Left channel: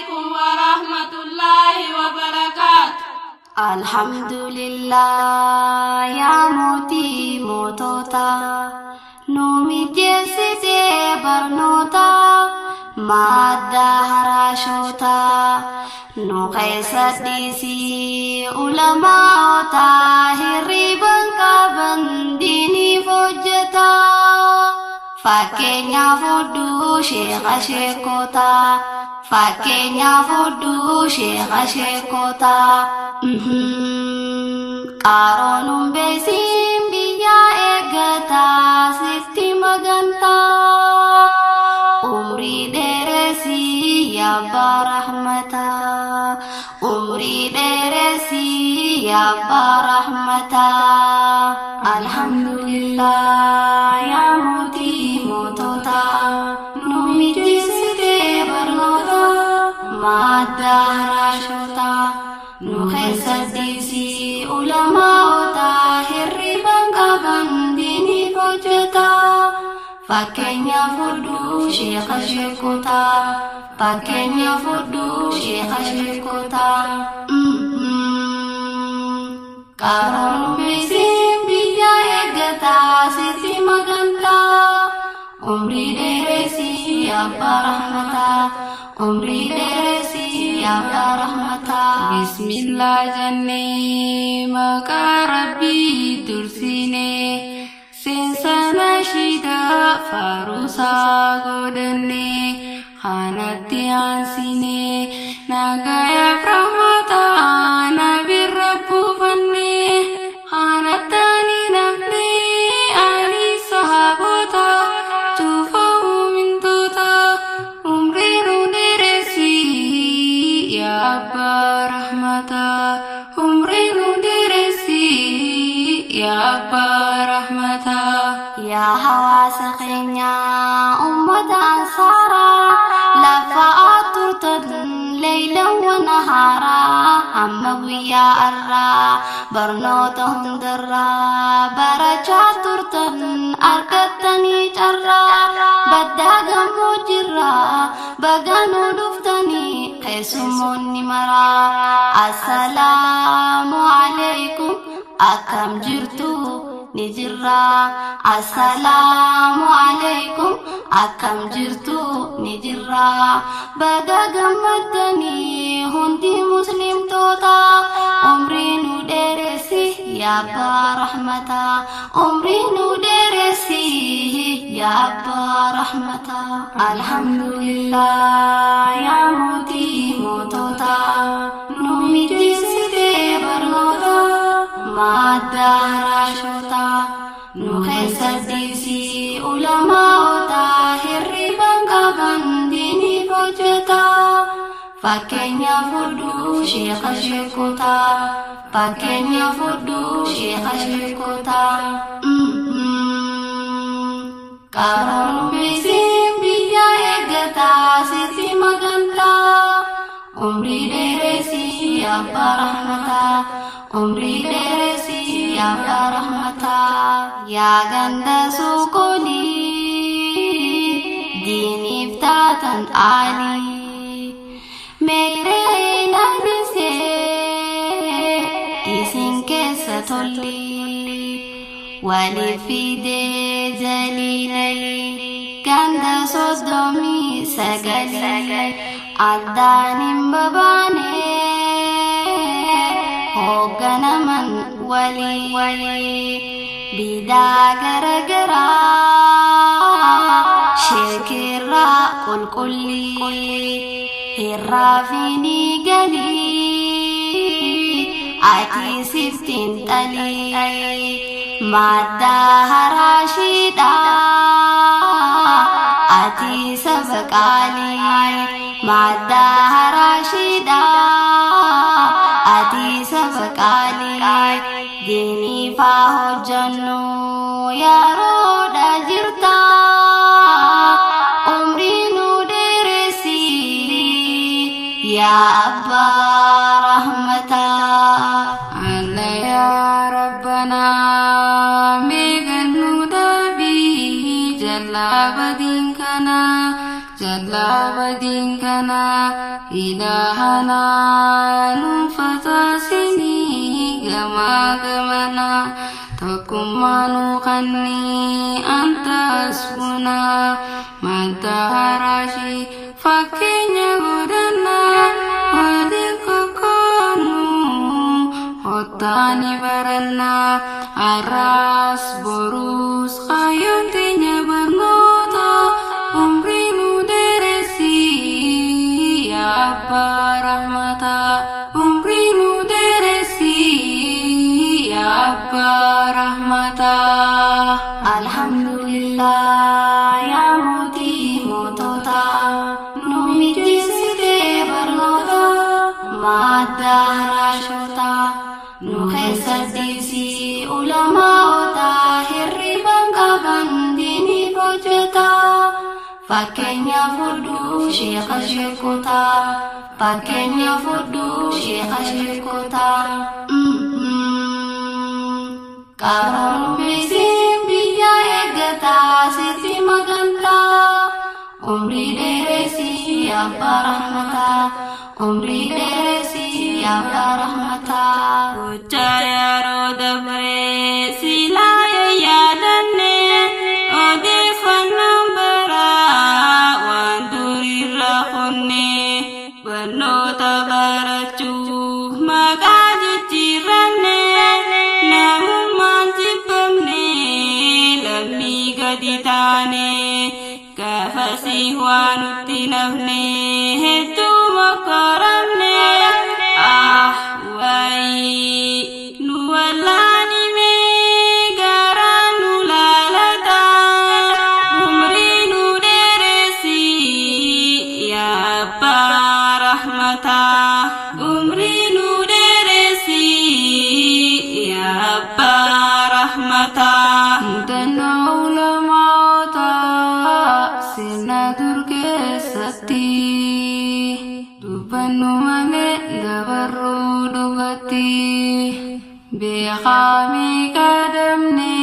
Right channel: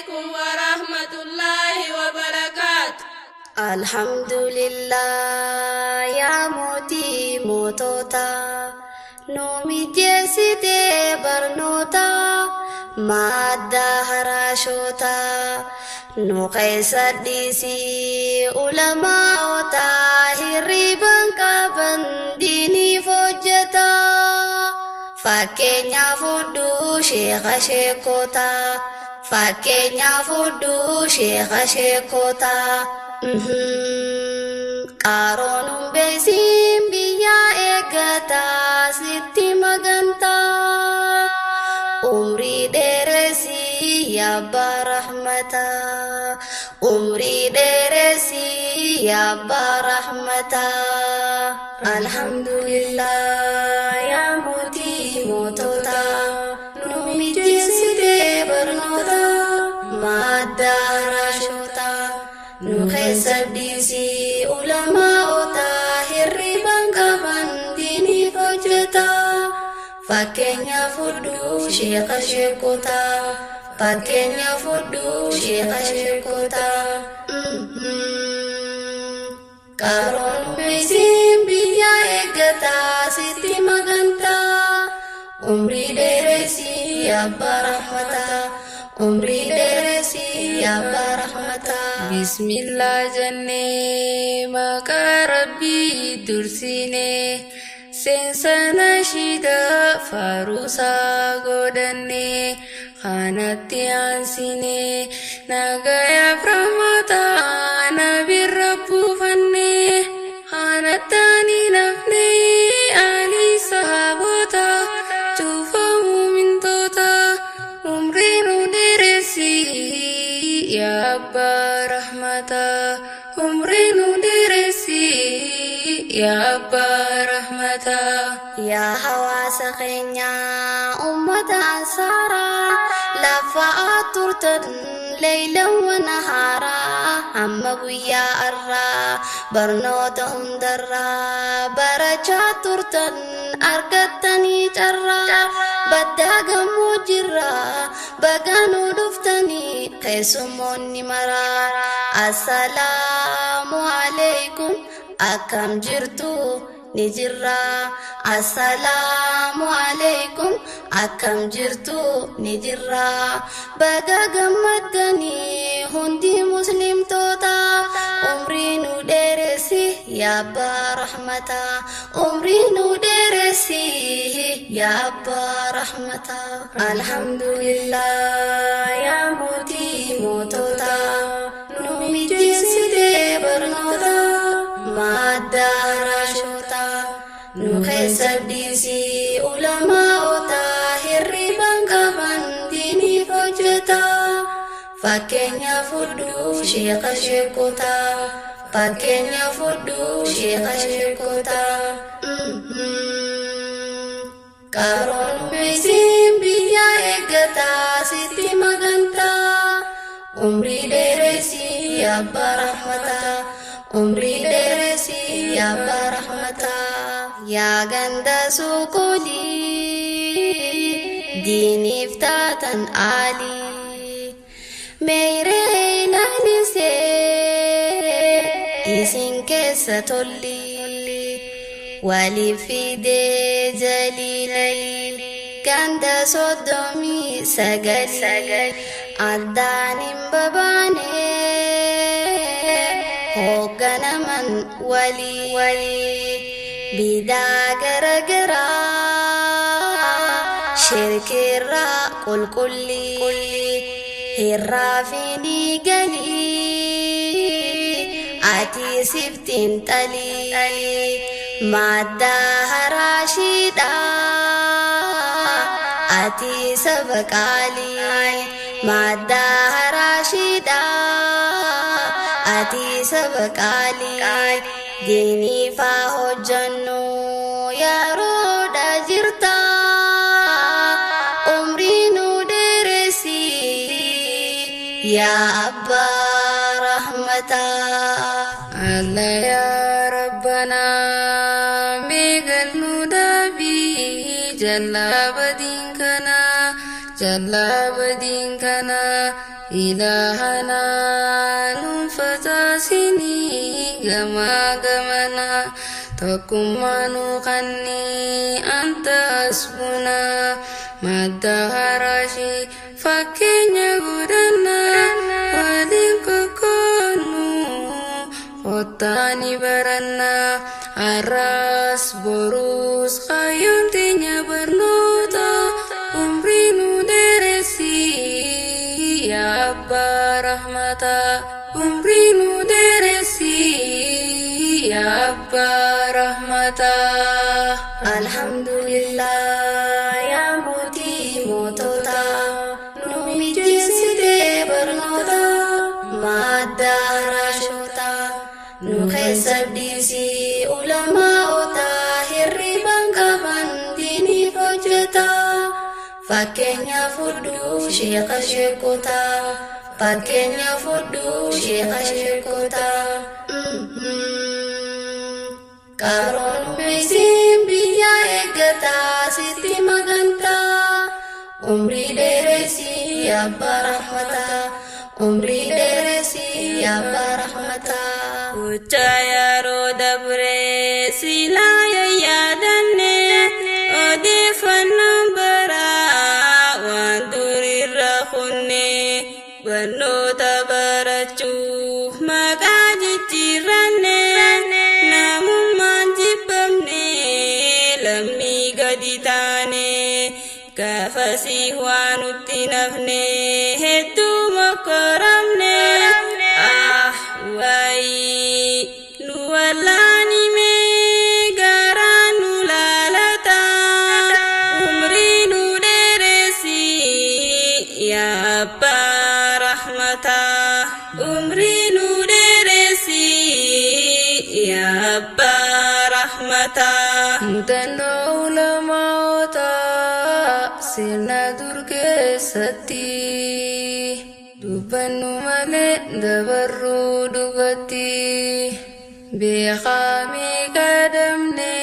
عليكم ورحمة الله وبركاته. الحمد لله يا موتي موتوتا نومي جيسيتي برنوتا مادة هراشوتا نو قيسة ديسي علماء هريبا كابن ديني فوجتا fakenya fudu shekha shekota fakenya fudu shekha shekota qaronum besim biya egata sitti maganta umri deresi ya barahmata umri deresi ya barahmata alhamdulillah ya muti motota numi jiside bernota madda rashota nukhaisadisi ulama ota hirriban kaban dini fojeta fakenya fudu shekha shekota fakenya fudu shekha shekota karon besim biya egata siti maganta umri deresi ya barahmata umri deresi ya barahmata Bismillah janne maka Rabbi dursine sensana shida farusa godanne khanatti ansine nagaya brahmata nabi rabbu fanne khanatani nafne ali sahabota tufamu min tota umrinu deresi ya abba rahmata umrinu deresi ya abba rahmata ya hawasa kenya ummata ansara لفأطرت ليلا ونهارا أما ويا أرى برنوتهم درا برجع ترتن أرقدتني جرا بدأ مجرا بغانو دفتني قسموني مرا السلام عليكم أكم جرتو نجرا السلام عليكم أكم جرتو نجرا بغا غمدني هندي مسلم توتا عمري ندرسي يا برحمتا عمري ندرسي يا برحمتا الحمد لله يا موتي موتوتا نومي جسدي برنوتا مادة راشوتا nukhaisadisi ulama ota hirriban kaban dini fojeta fakenya fudu shekha shekota fakenya fudu shekha shekota karon besim biya egata siti maganta umri deresi ya barahmata umri deresi ya barahmata ya ganda sukuli dini iftatan ali meire nalise isin kesa tolli wali fide jalili ganda sodomi sagali addanim babane hogganaman wali bida garagara shirkirra kulkulli hirrafini gali ati siftin tali madda harashida ati sabakali madda harashida ati sabakali dini fa hojjannu ya roda jirta umri nu deresi ya abba rahmata Allah ya rabbana megal nudabi jalla badinkana ilahana nufatasini gama-gamana takumanu kanni anta asbuna madaharashi fakenya gudana wadikakonu kotani barana aras borus kayuntinya bernota umrinu deresi ya Abba rahmata umrinu deresi ya Abba rahmata. Alhamdulillah ya muti motota numijiside bernota madarashota nuhesadisi ulama ota hirriban kaban dini fojeta fakenya fudu syekha syekota fakenya fudu syekha syekota karon besim biya egata siti maganta umri deresi ya barahmata umri deresi ya barahmata Ucaya roda bre silaya yadanne odifan nombara wanduri rakhunne bano tabarachu magaji tiranne namun mantipamne lammi gaditane kafasi wanutti nafne hetu makaramne wai nuwalani me garanu lalata umrinu deresi ya Abba rahmata umrinu deresi ya Abba rahmata dano ulama ta sina durge sati dubanu male dabarru dubati bikhami kadamne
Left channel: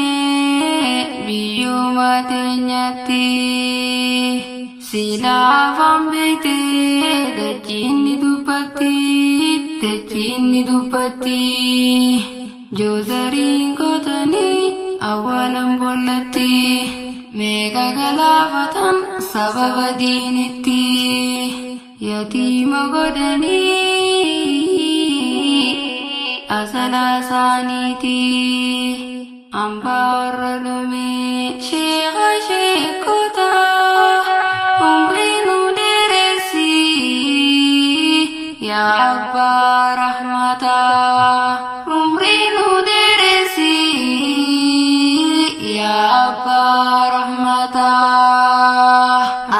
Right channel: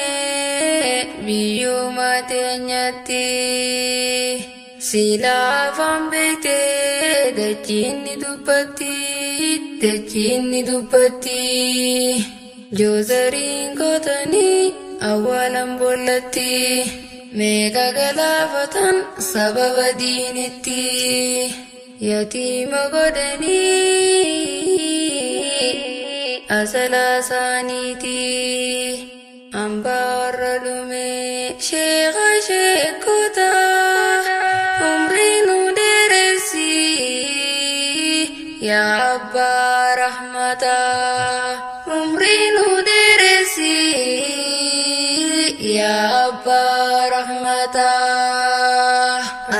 biyu mate nyati sila fambete dachini dupati jozarin kotani awalam bolati mega galafatan sababa diniti yatima godani asala saniti amba orlume syekha syekota umrinu deresi ya Abba rahmata umrinu deresi ya Abba rahmata.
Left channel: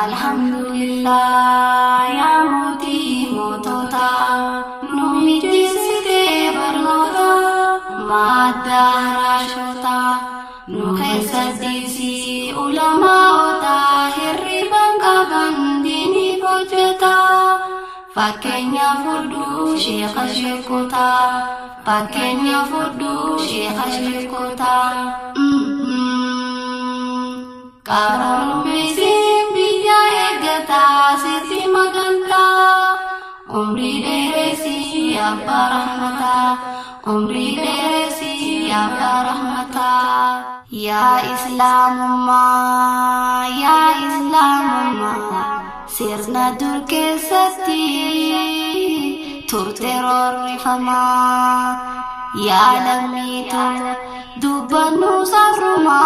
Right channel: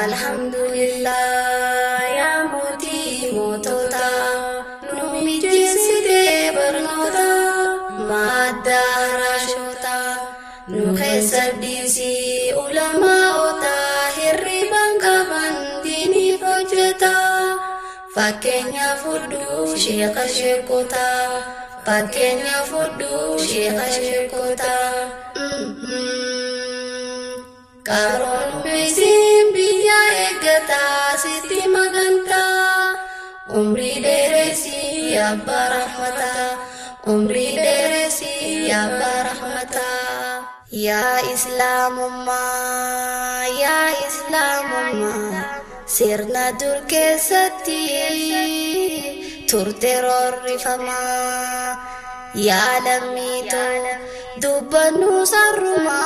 Alhamdulillah ya muti motota numijiside bernota madarashota nuhesadisi ulama ota hirriban kaban dini fojeta fakenya fudu syekha syekota fakenya fudu syekha syekota karon besim biya egata siti maganta umri deresi ya barahmata umri deresi ya barahmata ya Islamumma sirna dur keessatti turte rorrifama yaa lammiitu dubbannu sarrumaa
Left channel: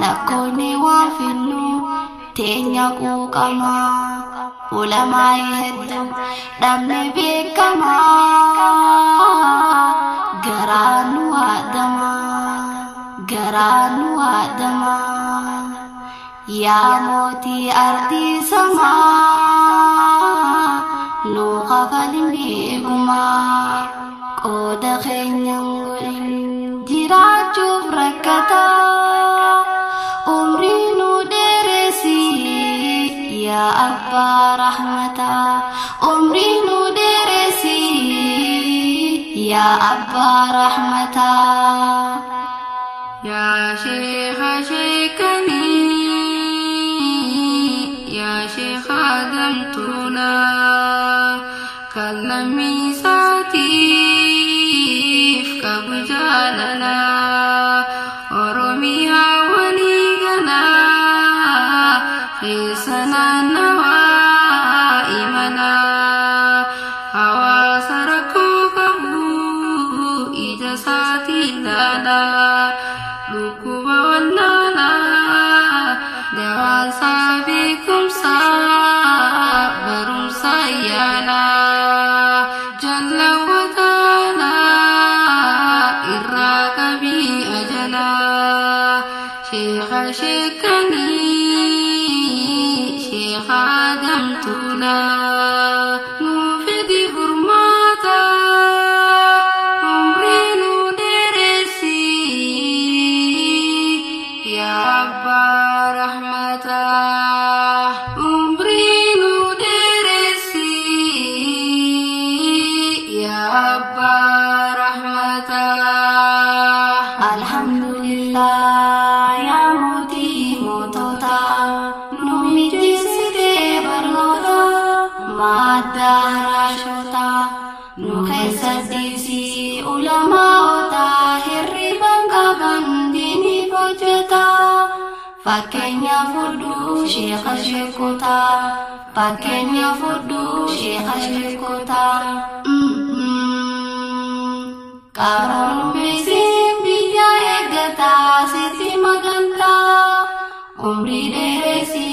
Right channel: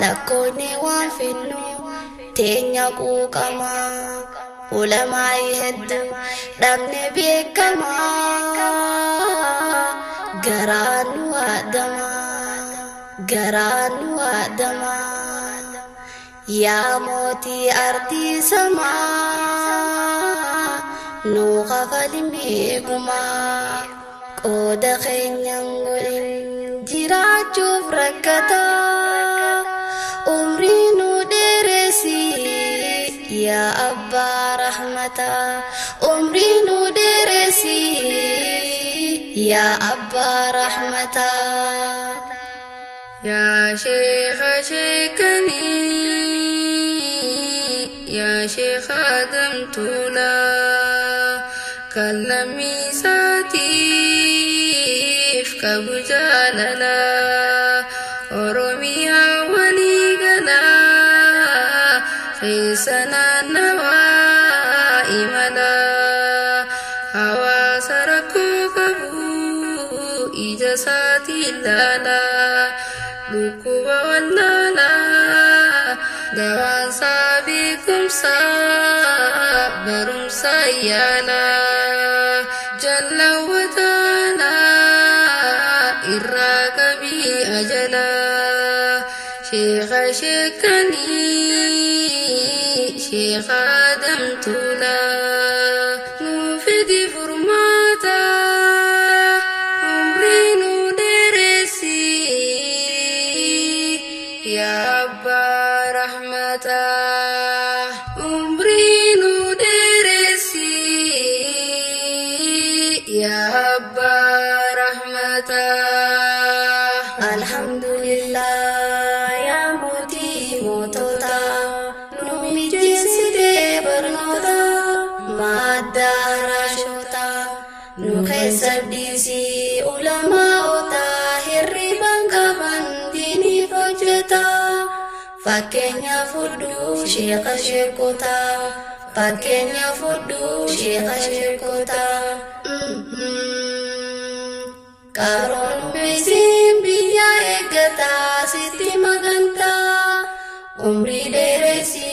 lakkoonni waan finnu teenya quuqamaa ulamaa'ii hedduu dhabne beekamaa garaanu waadamaa yaa mootii ardii samaa nu kafalin eegumaa qooda keenyan godhin jiraachuuf rakkataa umrii nu dheeresi yaa abbaa rahmataa umrii nu dheeresi yaa abbaa rahmataa يا شيخ شيكني يا Sheikh Adam Tula kalamisatif kabujalala Oromiyaa waligala khisanan nawa imala hawaasa rakkoo qabu ija isaatiin laala dhukkuba wallaala dawaan isaa beekumsa barumsa yaala jalla wa taala irraa qabii ajala sheekha sheekanii sheekha Adam Tula nuufidi furmaata umrii nu dheeresi yaa abbaa rahmata umrii nu dheeresi yaa abbaa rahmata Alhamdulillah yaa mootii mootota nu mijeessite barnoota madda haraashota nu keessa dhiisii ulamaa'ota hirriban qaban diiniif hojjeta fakkeenya fudhuu sheekha sheekota fakkeenya fudhuu sheekha sheekota qaroon beeksiin biyya eeggataa sitti magantaa umrii dheeresi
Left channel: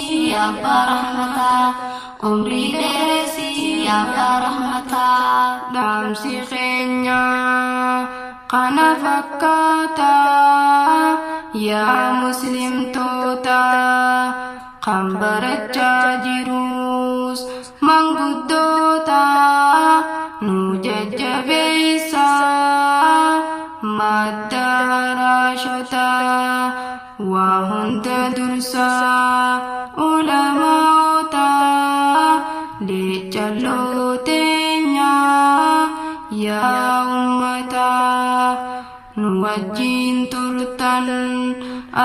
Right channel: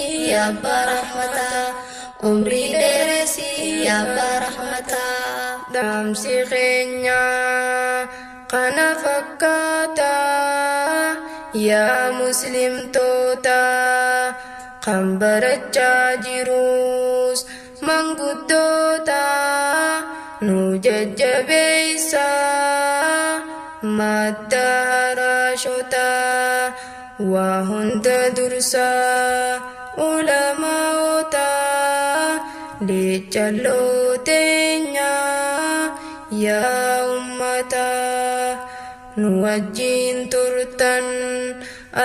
abbaa rahmataa umrii dheeresi abbaa rahmataa dhaamsi keenya kana fakkaata yaa muslimtoota kan barachaa jirus manguddoota nu jajjabeessa madda haraashota waa hunda dursa ulamaa'ota leechalloo teenya yaa ummata nu wajjiin turtan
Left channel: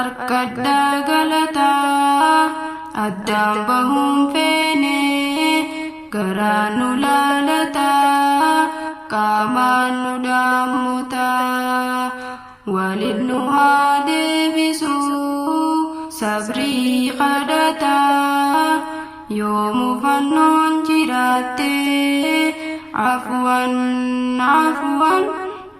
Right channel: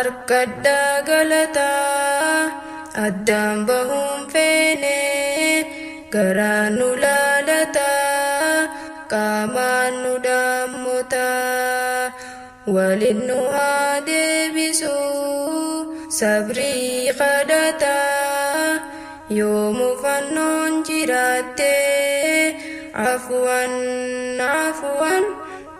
arkadhaa galataa addaan bahuun feene garaa nu laalataa qaamaan nu dhaammutaa walin nu haa deebisuu sabrii kadhataa yoo mufannoon jiraatte afwan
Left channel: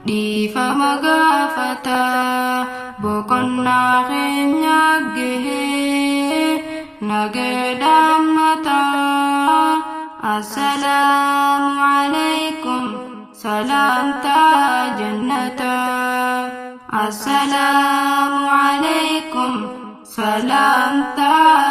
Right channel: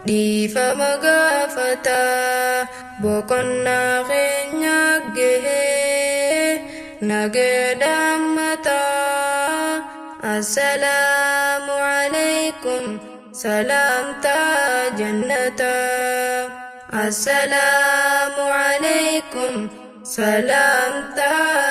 dhiifama gaafataa boqonnaa keenya gahee nageedhaammataa assalaamu alaykum salaamtaa jannataa assalaamu alaykum salaamtaa